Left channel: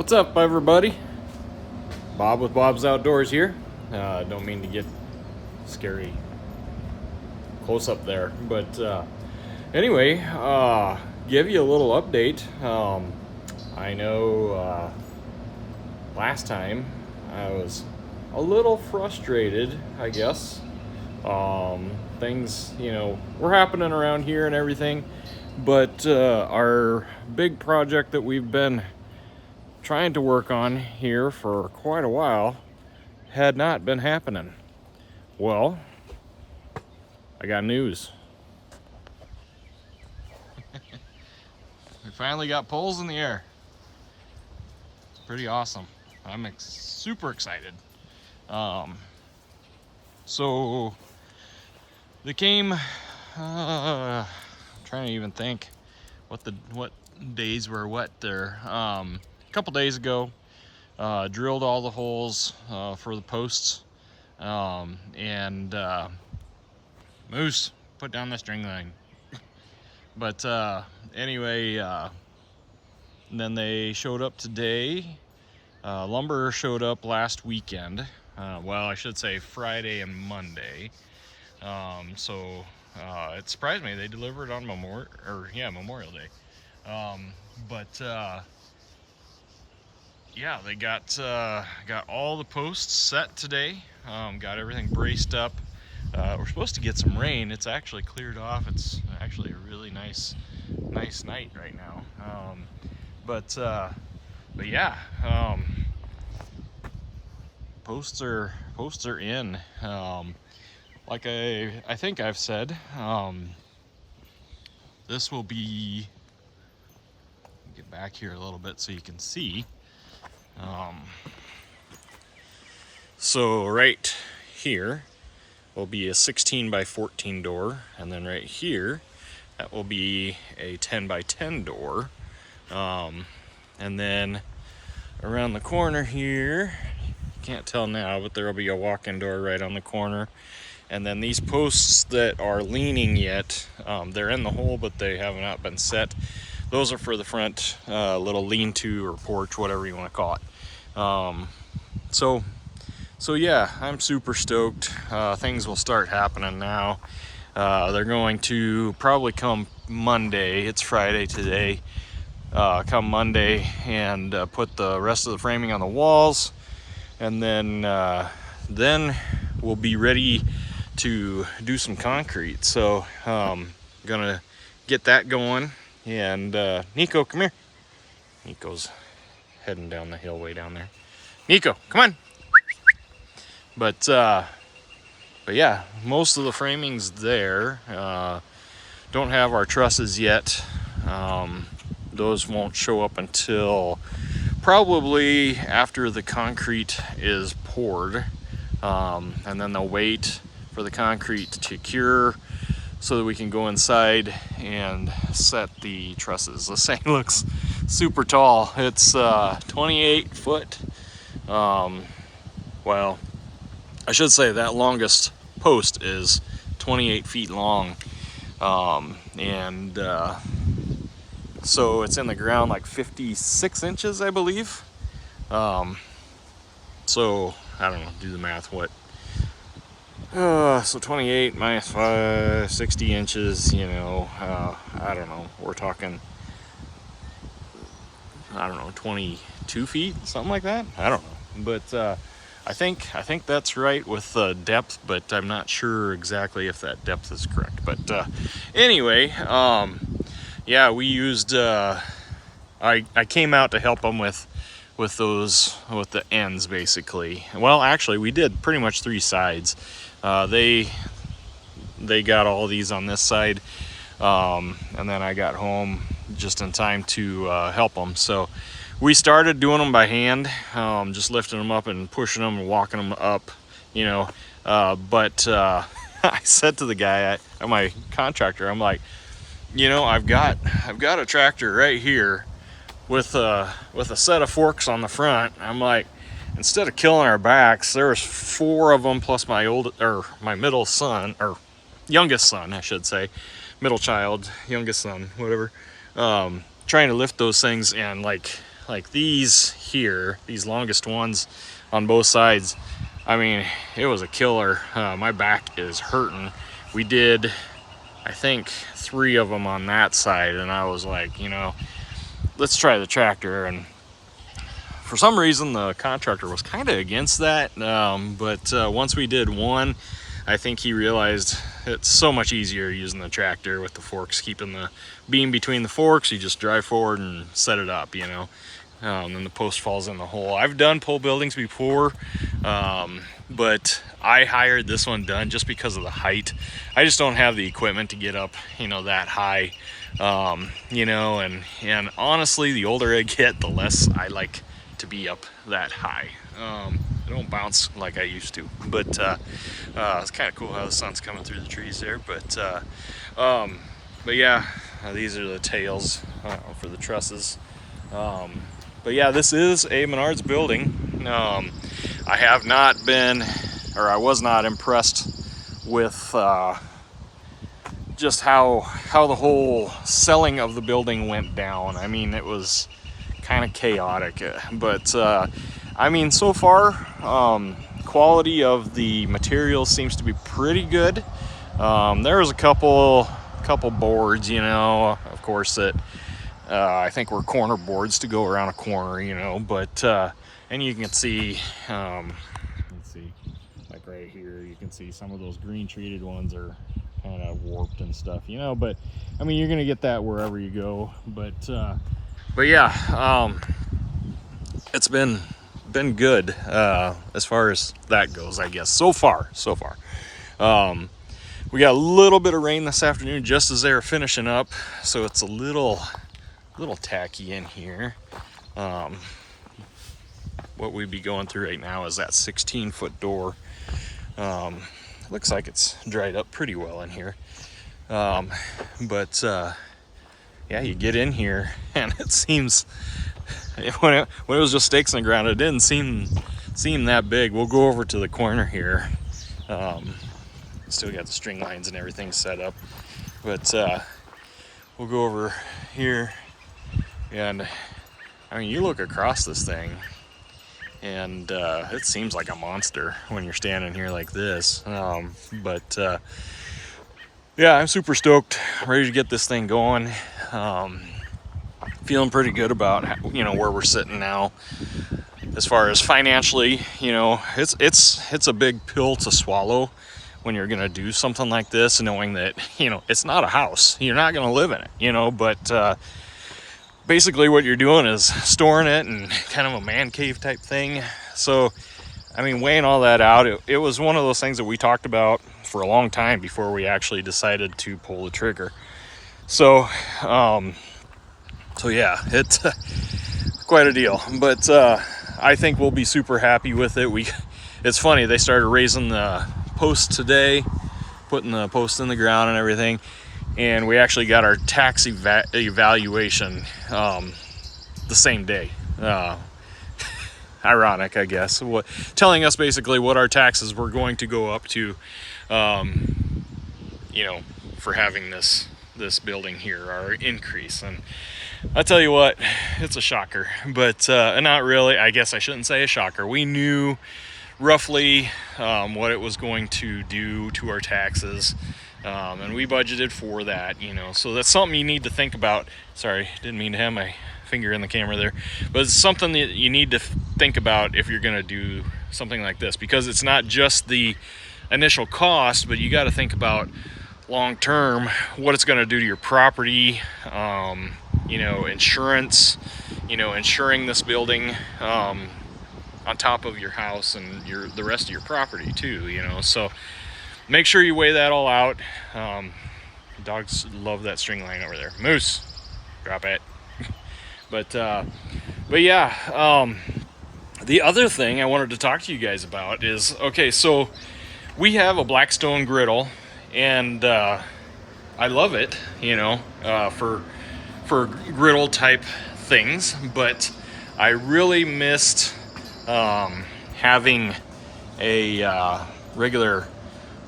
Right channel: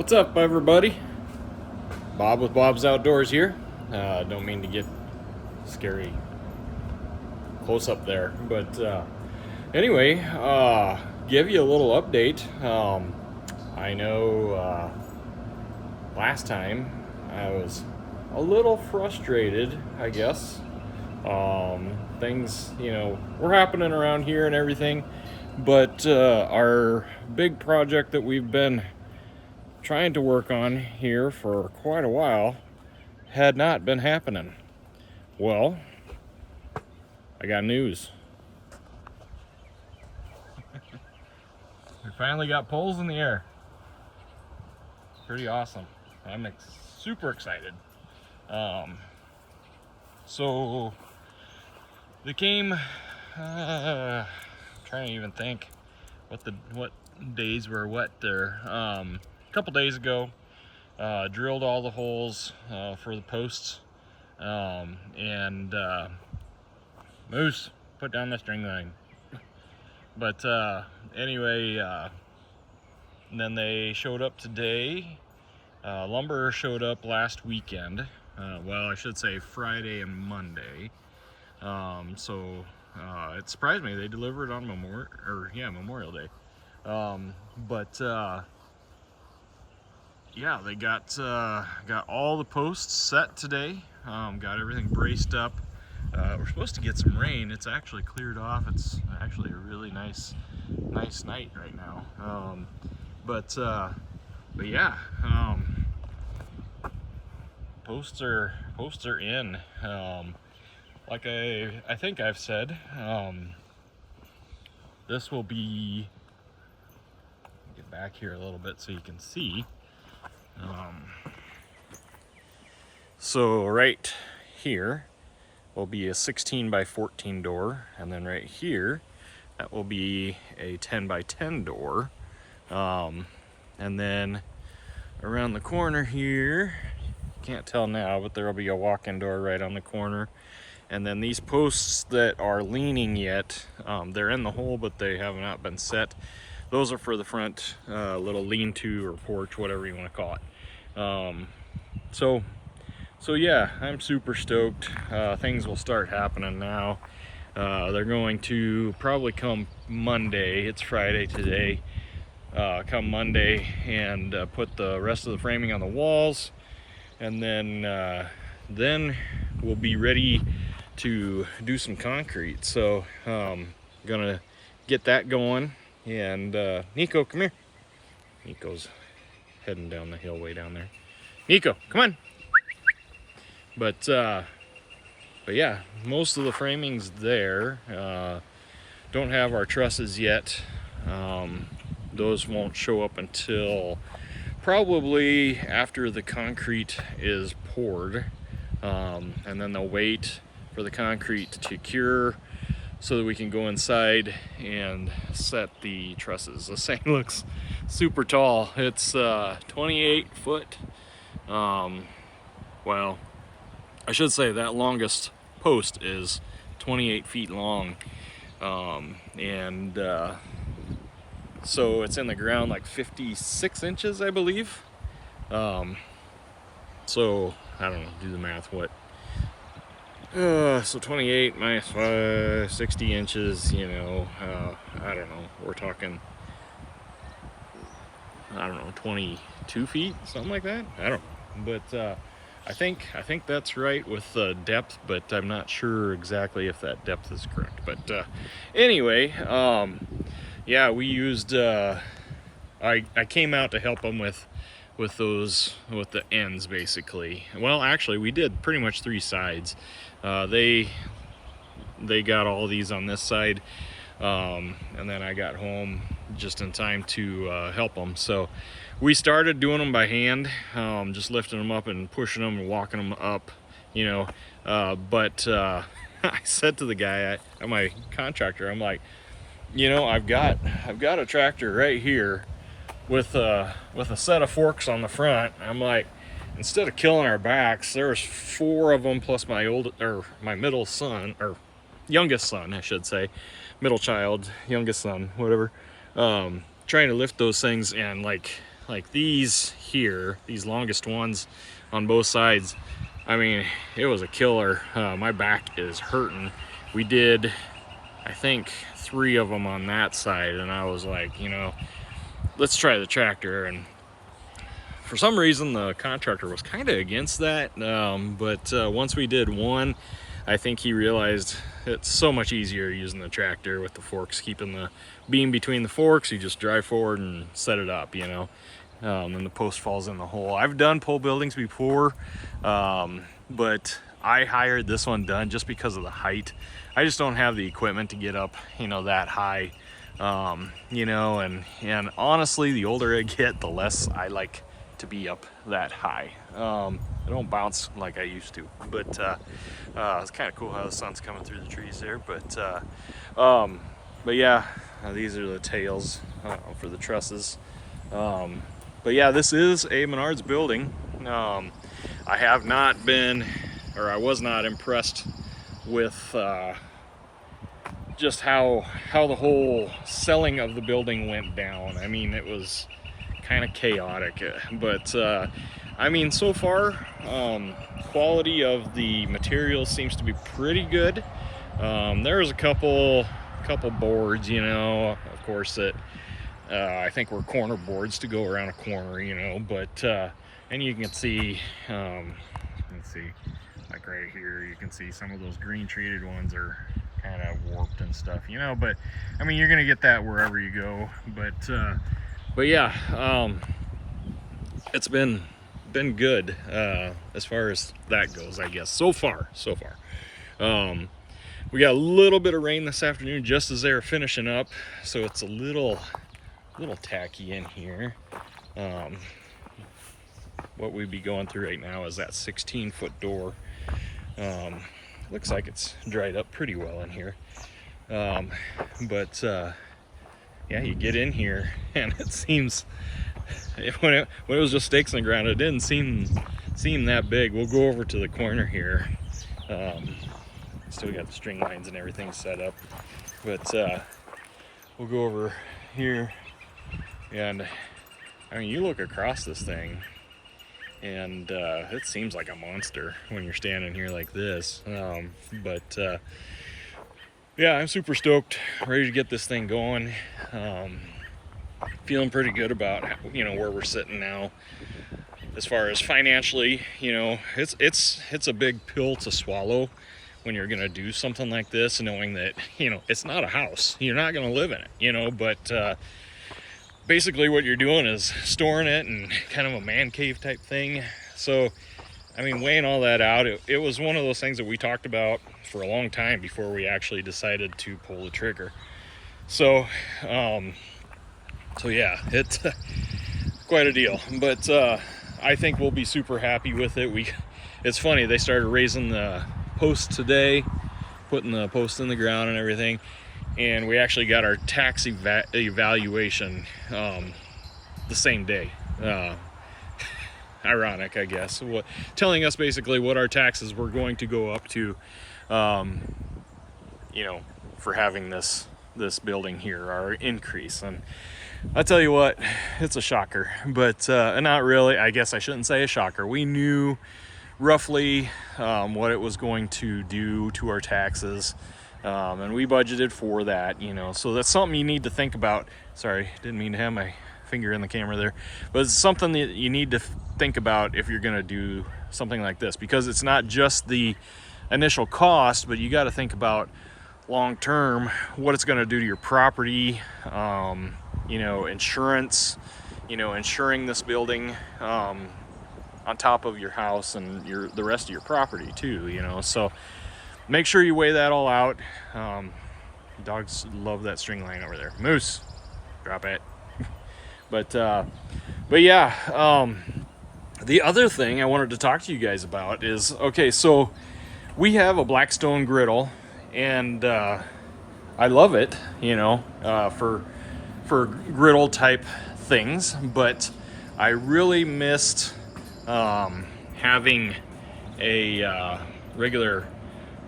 What's up, everybody? Bob with Bob's Outdoors here. Don't mean to get scary close up there, but anyway, give you a little update. I know last time I was a little frustrated, I guess. Things, were happening around here and everything, but our big project that we've been trying to work on here for quite a while had not been happening. Well, I got news. We finally got poles in the air. Pretty awesome. I'm super excited. So they came, I'm trying to even think what days were what there. A couple days ago, drilled all the holes for the posts, and Moose, put down the string line. But anyway, then they showed up today. Lumber showed up last weekend. Well, I should say Friday and Monday. So it surprised me they delivered on Memorial Day. Yeah, they got all the posts set today. Got everything braced up. We're supposed to get some rain. It's actually cleared off. It's actually a really nice night right now. But yeah, posts are in. Like I think I've said, this will be. Get back here a little bit so you can see. So right here will be a 16 by 14 door, and then right here that will be a 10 by 10 door, and then around the corner here, can't tell now, but there will be a walk-in door right on the corner. And then these posts that are leaning yet, they're in the hole, but they have not been set. Those are for the front little lean-to or porch, whatever you want to call it. So yeah, I'm super stoked. Things will start happening now. They're going to probably come Monday. It's Friday today. Come Monday and put the rest of the framing on the walls, and then we'll be ready to do some concrete. So gonna get that going. And Nico, come here. Nico's heading down the hill way down there. Nico, come on. But yeah, most of the framing's there. Don't have our trusses yet. Those won't show up until probably after the concrete is poured. And then they'll wait for the concrete to cure so that we can go inside and set the trusses. This thing looks super tall. It's 28 foot. Well, I should say that longest post is 28 feet long. So it's in the ground like 56 inches, I believe. So I don't know, do the math, so 28 minus 5, 60 inches, I don't know, we're talking, 22 feet, something like that. I don't know, but I think that's right with the depth, but I'm not sure exactly if that depth is correct. But anyway, yeah, we used, I came out to help them with the ends, basically. Well, actually, we did pretty much 3 sides. They got all these on this side, and then I got home just in time to help them. So we started doing them by hand, just lifting them up and pushing them and walking them up, but I said to the guy, my contractor, I'm like, I've got a tractor right here with a set of forks on the front. I'm like, instead of killing our backs, there's 4 of them plus my middle son, or youngest son, I should say, middle child, youngest son, whatever, trying to lift those things and like like these here, these longest ones on both sides, I mean, it was a killer. My back is hurting. We did, I think, 3 of them on that side, and I was like, you know, let's try the tractor. And for some reason the contractor was kind of against that, but once we did one, I think he realized it's so much easier using the tractor with the forks, keeping the beam between the forks. You just drive forward and set it up, you know, and the post falls in the hole. I've done pole buildings before, but I hired this one done just because of the height. I just don't have the equipment to get up, you know, that high, you know, and honestly, the older I get, the less I like to be up that high. I don't bounce like I used to, but it's kind of cool how the sun's coming through the trees there. But yeah, these are the tails for the trusses. But yeah, this is a Menards building. I have not been, or I was not impressed with just how the whole selling of the building went down. I mean, it was kind of chaotic, but I mean, so far, quality of the materials seems to be pretty good. There's a couple boards, you know, of course, that I think were corner boards to go around a corner, you know, but and you can see, let's see, like right here, you can see some of those green treated ones are kind of warped and stuff, you know, but I mean, you're gonna get that wherever you go. But yeah, it's been good as far as that goes, I guess, so far. We got a little bit of rain this afternoon just as they were finishing up, so it's a little tacky in here. What we'd be going through right now is that 16-foot door. Looks like it's dried up pretty well in here, but yeah, you get in here and it seems, when it was just stakes in the ground, it didn't seem that big. We'll go over to the corner here. Still got the string lines and everything set up, but we'll go over here, and I mean, you look across this thing and it seems like a monster when you're standing here like this, but yeah, I'm super stoked, ready to get this thing going. Feeling pretty good about, you know, where we're sitting now as far as financially. You know, it's a big pill to swallow when you're gonna do something like this, knowing that, you know, it's not a house, you're not gonna live in it, you know, but basically what you're doing is storing it and kind of a man cave type thing. So I mean, weighing all that out, it was one of those things that we talked about for a long time before we actually decided to pull the trigger. So so yeah, it's quite a deal, but I think we'll be super happy with it. It's funny, they started raising the posts today, putting the posts in the ground and everything, and we actually got our tax evaluation the same day. Ironic, I guess, telling us basically what our taxes were going to go up to, you know, for having this building here, our increase. And I tell you what, it's a shocker, but not really. I guess I shouldn't say a shocker. We knew roughly what it was going to do to our taxes, and we budgeted for that, you know, so that's something you need to think about. Sorry, didn't mean to have my finger in the camera there, but it's something that you need to think about if you're going to do something like this, because it's not just the initial cost, but you got to think about long term what it's going to do to your property, you know, insurance, you know, insuring this building on top of your house and the rest of your property too, you know. So make sure you weigh that all out. Dogs love that string line over there. Moose, drop it. But yeah, the other thing I wanted to talk to you guys about is, okay, so we have a Blackstone griddle, and I love it, you know, for griddle type things, but I really missed having a regular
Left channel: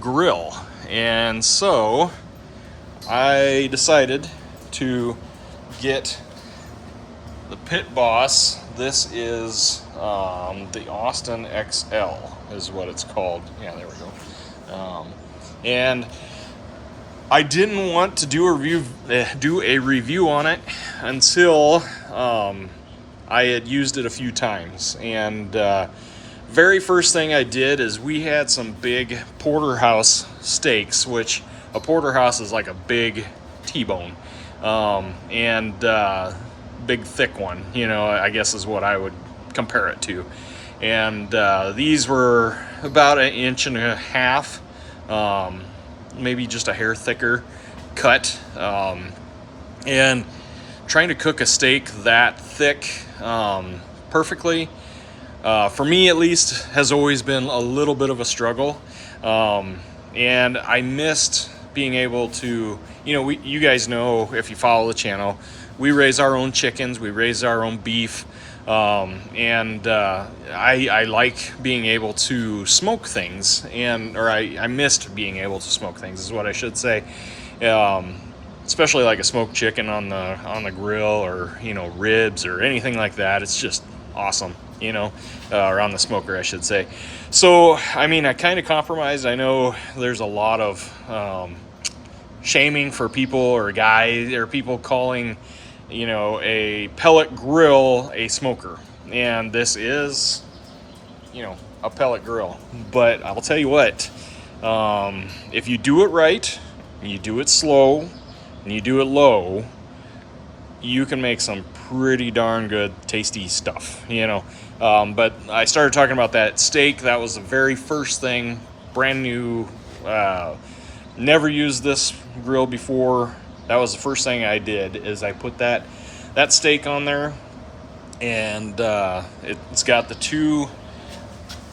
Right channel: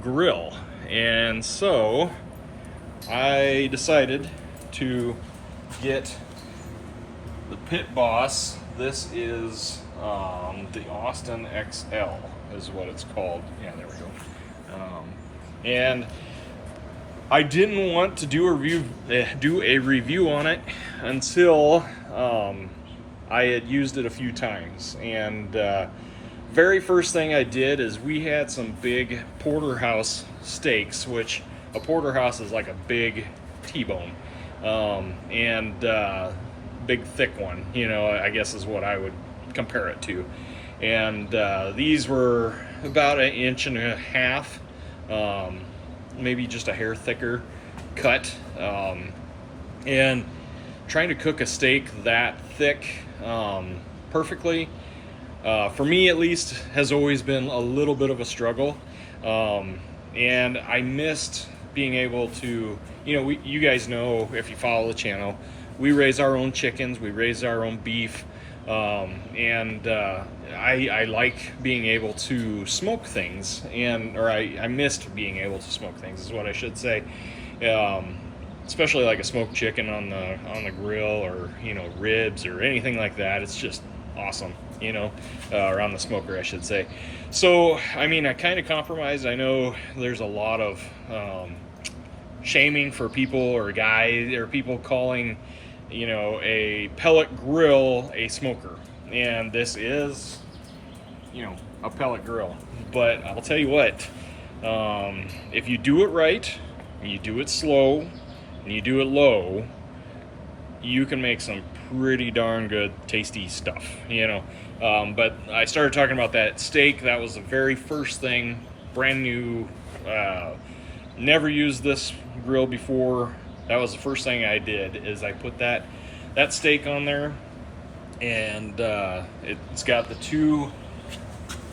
grill, and so I decided to get the Pit Boss. This is the Austin XL is what it's called. Yeah, there we go. And I didn't want to do a review on it until I had used it a few times. And very first thing I did is we had some big porterhouse steaks, which a porterhouse is like a big T-bone, and big thick one, you know, I guess is what I would compare it to. And these were about 1.5 inches, maybe just a hair thicker cut, and trying to cook a steak that thick perfectly, for me at least, has always been a little bit of a struggle. And I missed being able to, you know, you guys know, if you follow the channel, we raise our own chickens, we raise our own beef, and I like being able to smoke things, or I missed being able to smoke things is what I should say. Especially like a smoked chicken on the grill, or, you know, ribs or anything like that. It's just awesome, you know, or on the smoker, I should say. So, I mean, I kind of compromised. I know there's a lot of shaming for people, or people calling, you know, a pellet grill a smoker. And this is, you know, a pellet grill. But I'll tell you what, if you do it right, and you do it slow, and you do it low, you can make some pretty darn good tasty stuff, you know. But I started talking about that steak. That was the very first thing, brand new, never used this grill before. That was the first thing I did, is I put that steak on there, and it's got the 2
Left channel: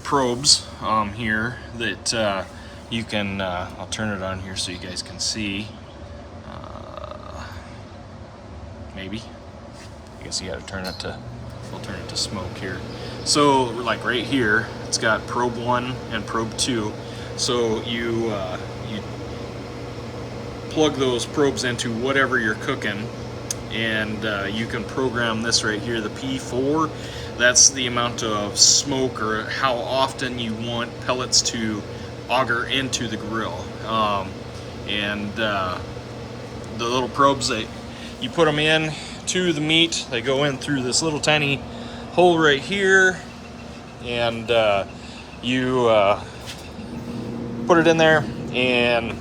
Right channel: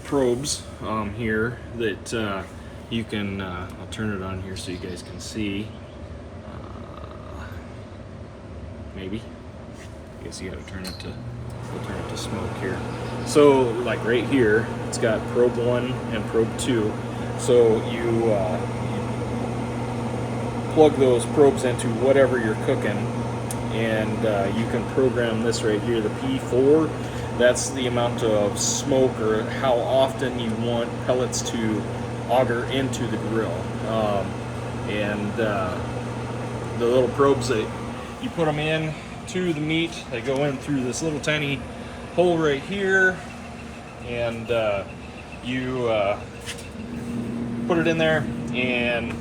probes here that you can, I'll turn it on here so you guys can see. Maybe. I guess you gotta turn it to, we'll turn it to smoke here. So, like right here, it's got probe 1 and probe 2. So you plug those probes into whatever you're cooking, and you can program this right here, the P4. That's the amount of smoke, or how often you want pellets to auger into the grill. And the little probes, you put them in to the meat, they go in through this little tiny hole right here, and you put it in there, and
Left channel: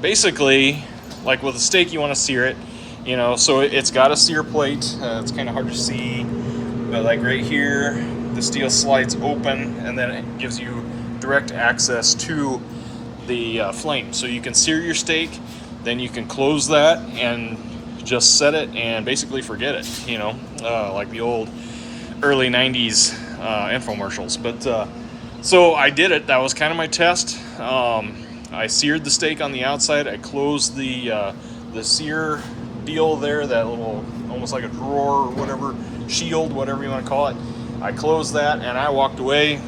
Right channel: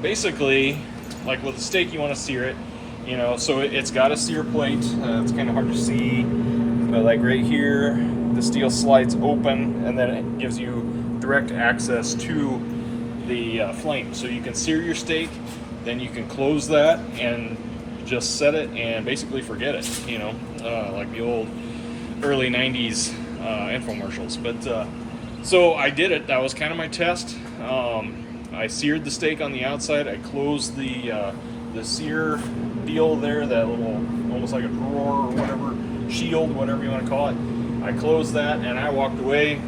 basically, like with a steak, you want to sear it, you know, so it's got a sear plate. It's kind of hard to see, but like right here, the steel slides open, and then it gives you direct access to the flame, so you can sear your steak. Then you can close that and just set it and basically forget it, you know, like the old early 90s infomercials. But so I did it. That was kind of my test. I seared the steak on the outside. I closed the sear deal there, that little, almost like a drawer or whatever, shield, whatever you want to call it. I closed that, and I walked away,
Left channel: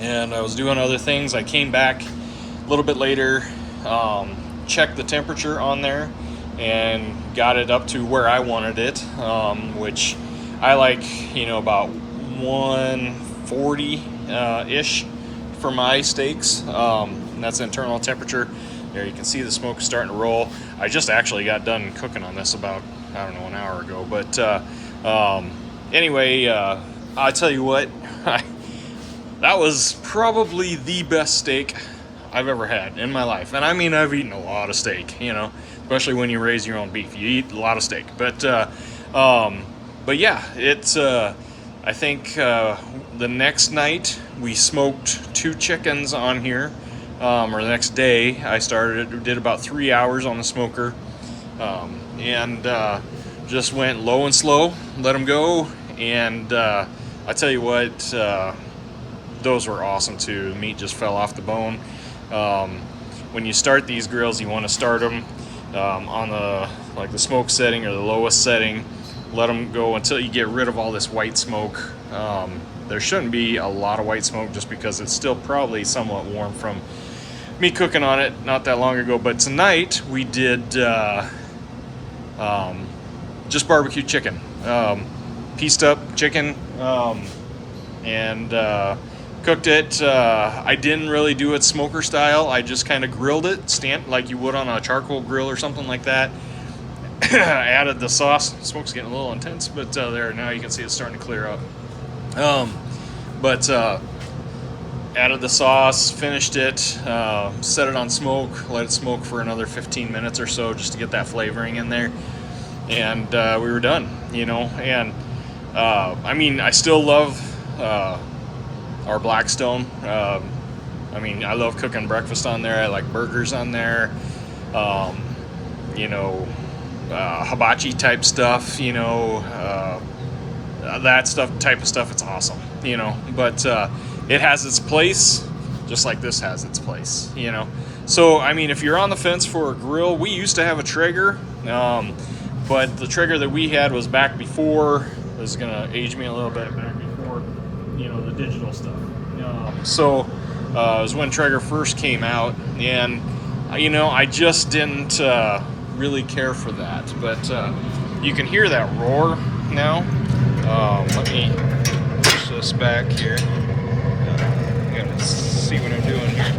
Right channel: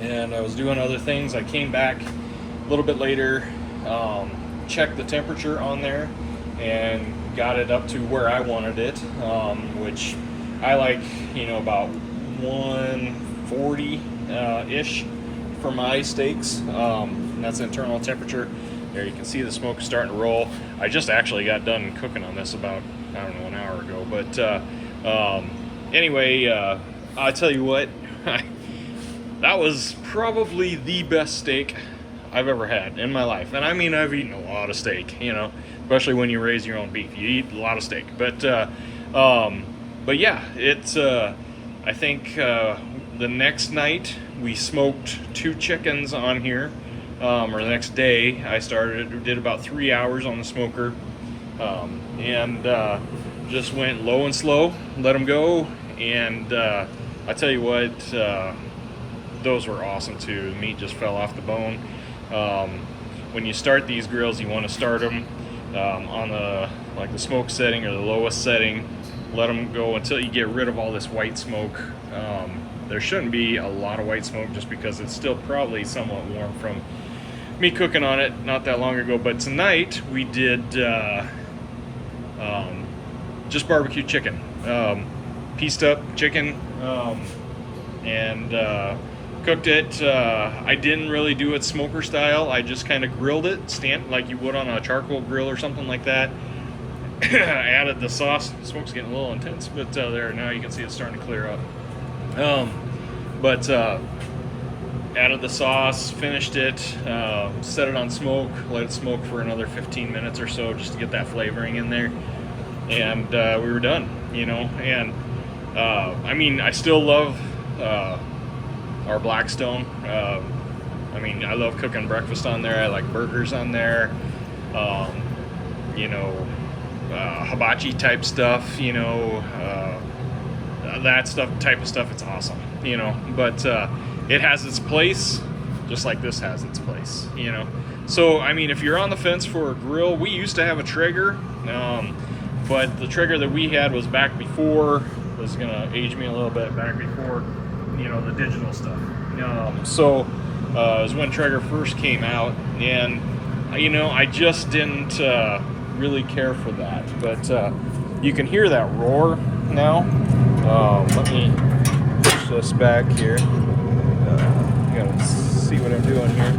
and I was doing other things. I came back a little bit later, checked the temperature on there, and got it up to where I wanted it, which I like, you know, about 140-ish for my steaks. And that's internal temperature. There you can see the smoke starting to roll. I just actually got done cooking on this about, I don't know, an hour ago. But anyway, I tell you what, that was probably the best steak I've ever had in my life. And I mean, I've eaten a lot of steak, you know, especially when you raise your own beef. You eat a lot of steak. But yeah, it's, I think the next night we smoked 2 chickens on here, or the next day I did about 3 hours on the smoker, and just went low and slow, let them go. And I tell you what, those were awesome too. The meat just fell off the bone. When you start these grills, you want to start them on the smoke setting, or the lowest setting. Let them go until you get rid of all this white smoke. There shouldn't be a lot of white smoke, just because it's still probably somewhat warm from me cooking on it not that long ago. But tonight we did just barbecue chicken, pieced up chicken, and cooked it. I didn't really do it smoker style. I just kind of grilled it, like you would on a charcoal grill or something like that. I added the sauce. The smoke's getting a little intense, but there, now you can see it's starting to clear up. But added the sauce, finished it, set it on smoke, let it smoke for another 15 minutes or so just to get that flavoring in there, and we were done, you know. And I mean, I still love our Blackstone. I mean, I love cooking breakfast on there. I like burgers on there, you know, hibachi type stuff, you know, that type of stuff. It's awesome, you know. But it has its place, just like this has its place, you know. So I mean, if you're on the fence for a grill, we used to have a Traeger, but the Traeger that we had was back before, was gonna age me a little bit, back before, you know, the digital stuff. So it was when Traeger first came out, and you know, I just didn't really care for that. But you can hear that roar now. Let me push this back here. You gotta see what I'm doing here.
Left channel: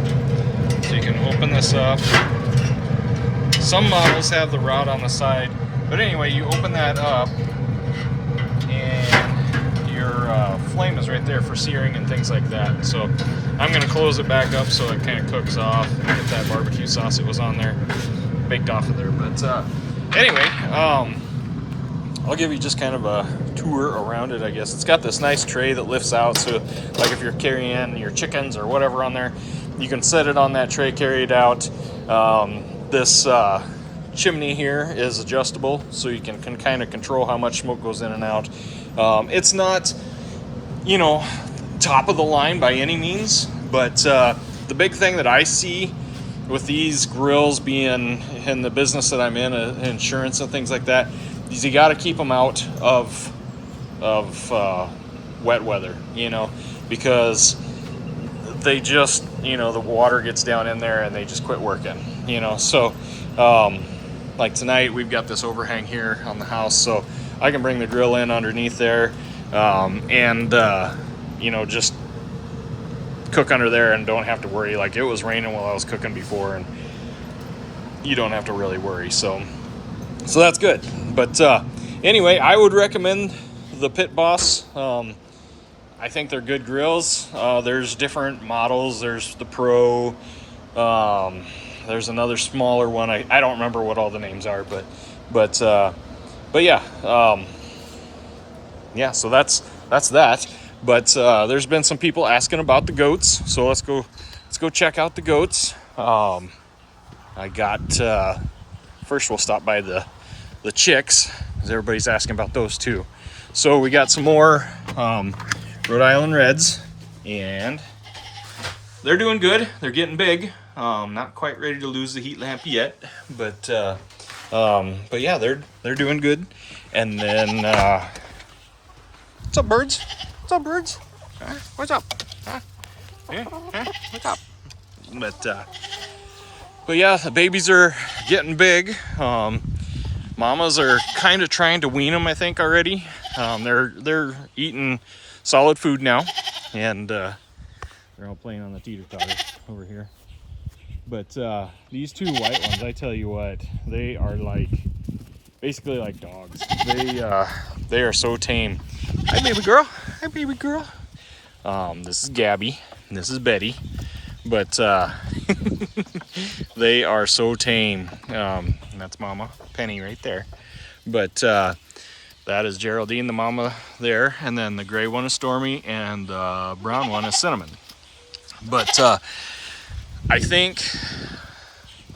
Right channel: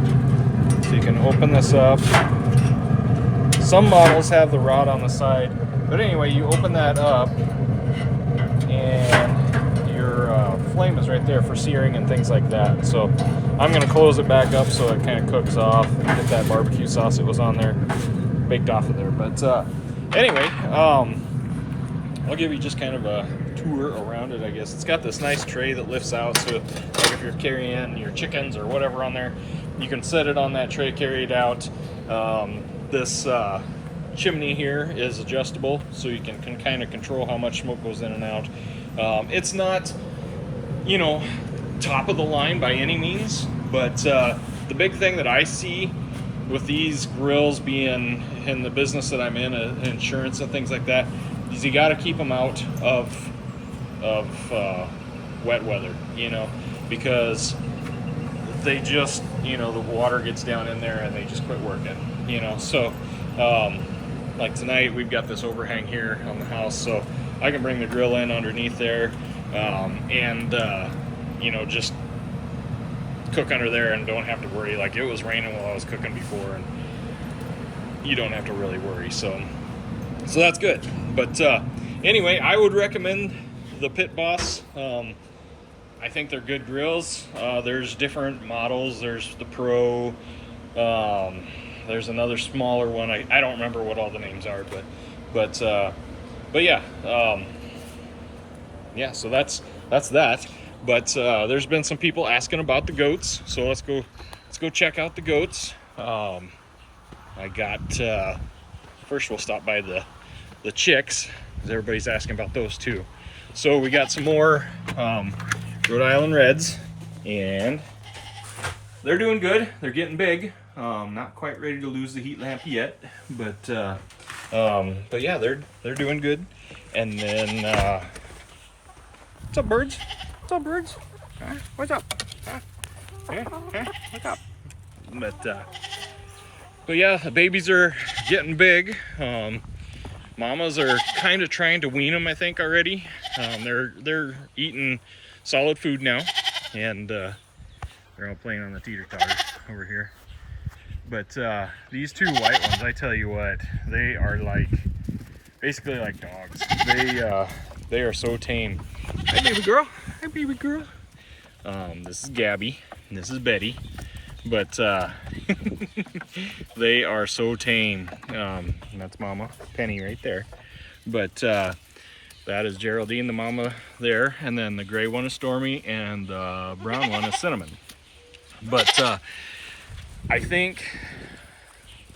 So you can open this up. Some models have the rod on the side, but anyway, you open that up, and your flame is right there for searing and things like that. So I'm gonna close it back up so it kind of cooks off and get that barbecue sauce that was on there baked off of there. But anyway, I'll give you just kind of a tour around it, I guess. It's got this nice tray that lifts out, so like if you're carrying your chickens or whatever on there, you can set it on that tray, carry it out. This chimney here is adjustable, so you can kind of control how much smoke goes in and out. It's not, you know, top of the line by any means, but the big thing that I see with these grills, being in the business that I'm in, insurance and things like that, is you got to keep them out of wet weather, you know, because they just, you know, the water gets down in there and they just quit working, you know. So like tonight we've got this overhang here on the house, so I can bring the grill in underneath there, and you know, just cook under there and don't have to worry. Like, it was raining while I was cooking before, and you don't have to really worry, so that's good. But anyway, I would recommend the Pit Boss. I think they're good grills. There's different models. There's the Pro, there's another smaller one. I don't remember what all the names are, but yeah, yeah, so that's that. But there's been some people asking about the goats, so let's go check out the goats. I got first we'll stop by the chicks, because everybody's asking about those too. So we got some more Rhode Island Reds, and they're doing good. They're getting big. Not quite ready to lose the heat lamp yet, but yeah, they're doing good. And then what's up, birds? What's up, birds? Huh? What's up? Huh? Huh? What's up? But yeah, the babies are getting big. Mamas are kind of trying to wean them, I think, already. They're eating solid food now, and they're all playing on the teeter-totter over here. But these two white ones, I tell you what, they are like basically like dogs. They are so tame. Hi, baby girl. Hi, baby girl. This is Gabby, and this is Betty. But they are so tame. And that's Mama Penny right there. But that is Geraldine, the mama there, and then the gray one is Stormy, and the brown one is Cinnamon. But I think,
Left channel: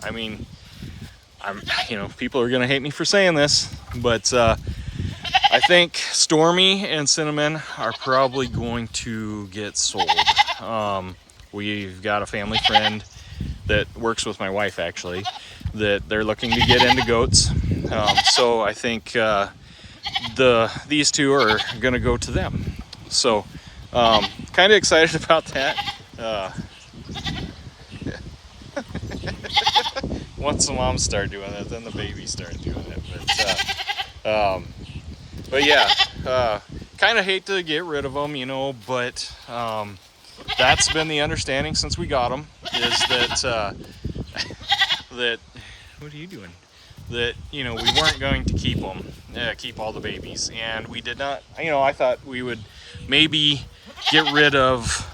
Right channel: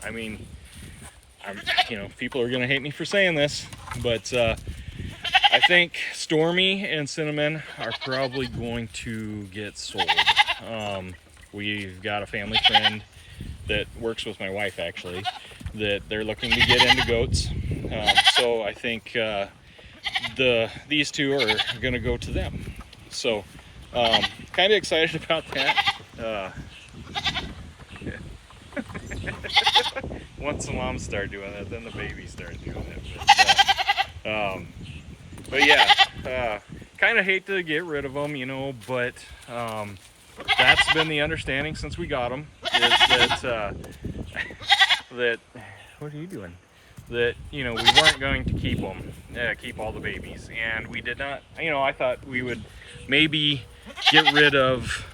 I mean, you know, people are gonna hate me for saying this, but I think Stormy and Cinnamon are probably going to get sold. We've got a family friend that works with my wife, actually, that they're looking to get into goats. So I think these two are gonna go to them. So kind of excited about that. Once the moms start doing it, then the babies start doing it. But yeah, kind of hate to get rid of them, you know, but that's been the understanding since we got them, is that that, what are you doing? That, you know, we weren't going to keep them, keep all the babies, and we did not. You know, I thought we would maybe get rid of,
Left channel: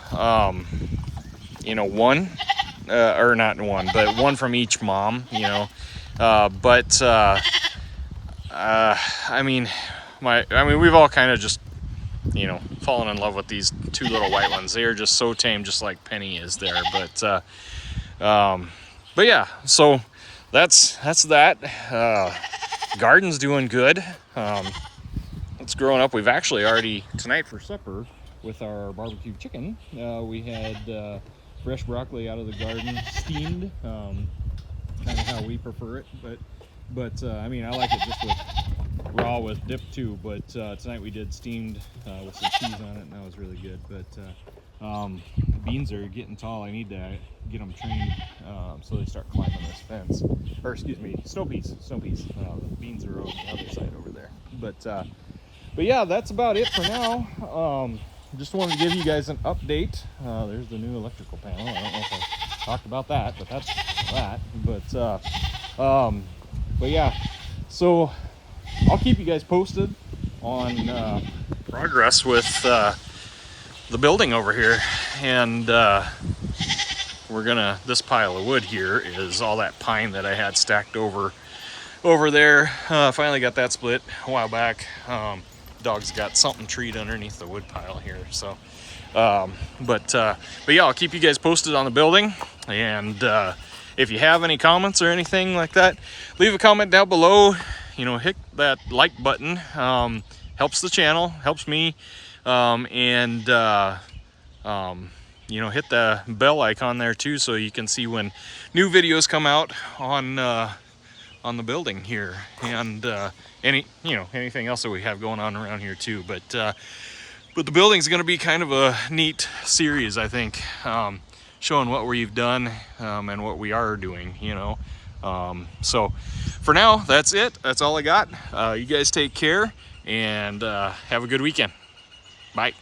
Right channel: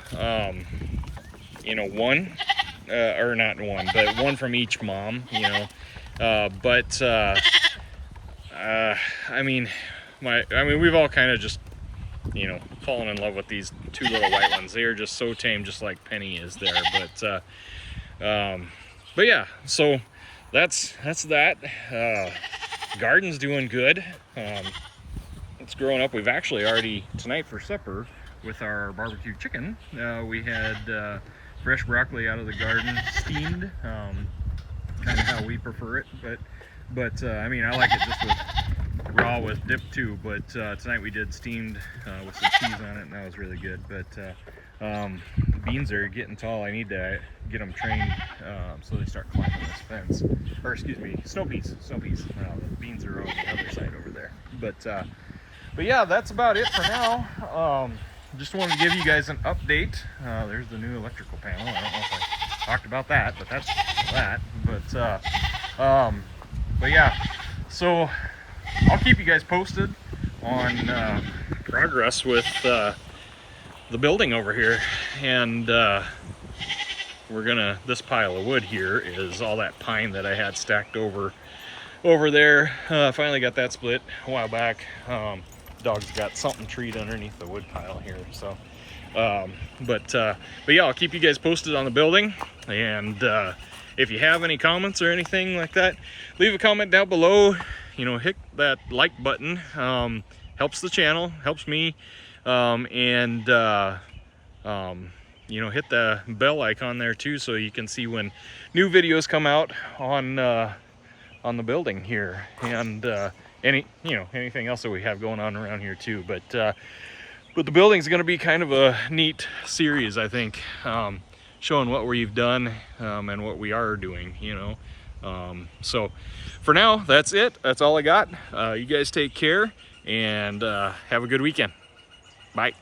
you know, one, or not one, but one from each mom, you know. I mean, we've all kind of just, you know, fallen in love with these two little white ones. They are just so tame, just like Penny is there. But yeah, so that's that. Garden's doing good. It's growing up. We've actually already, tonight for supper with our barbecue chicken, we had fresh broccoli out of the garden, steamed, kind of how we prefer it. But I mean, I like it just with raw with dip too. But tonight we did steamed with some cheese on it, and that was really good. But the beans are getting tall. I need to get them trained so they start climbing this fence. Or excuse me, snow peas. The beans are on the other side over there. But yeah, that's about it for now. Just wanted to give you guys an update. There's the new electrical panel. I don't know if I talked about that, but that's that. But yeah, so I'll keep you guys posted on progress with the building over here. And we're gonna, this pile of wood here is all that pine that I had stacked over there. Finally got that split a while back. Dog's got something treed underneath the wood pile here. So, but yeah, I'll keep you guys posted on the building. And if you have any comments or anything like that, leave a comment down below. You know, hit that like button. Helps the channel, helps me. You know, hit the bell icon there too, so you can see when new videos come out on the building here, and anything else that we have going on around here too. But the building's going to be kind of a neat series, I think, showing what we've done and what we are doing, you know. So for now, that's it. That's all I got. You guys take care, and have a good weekend. Bye.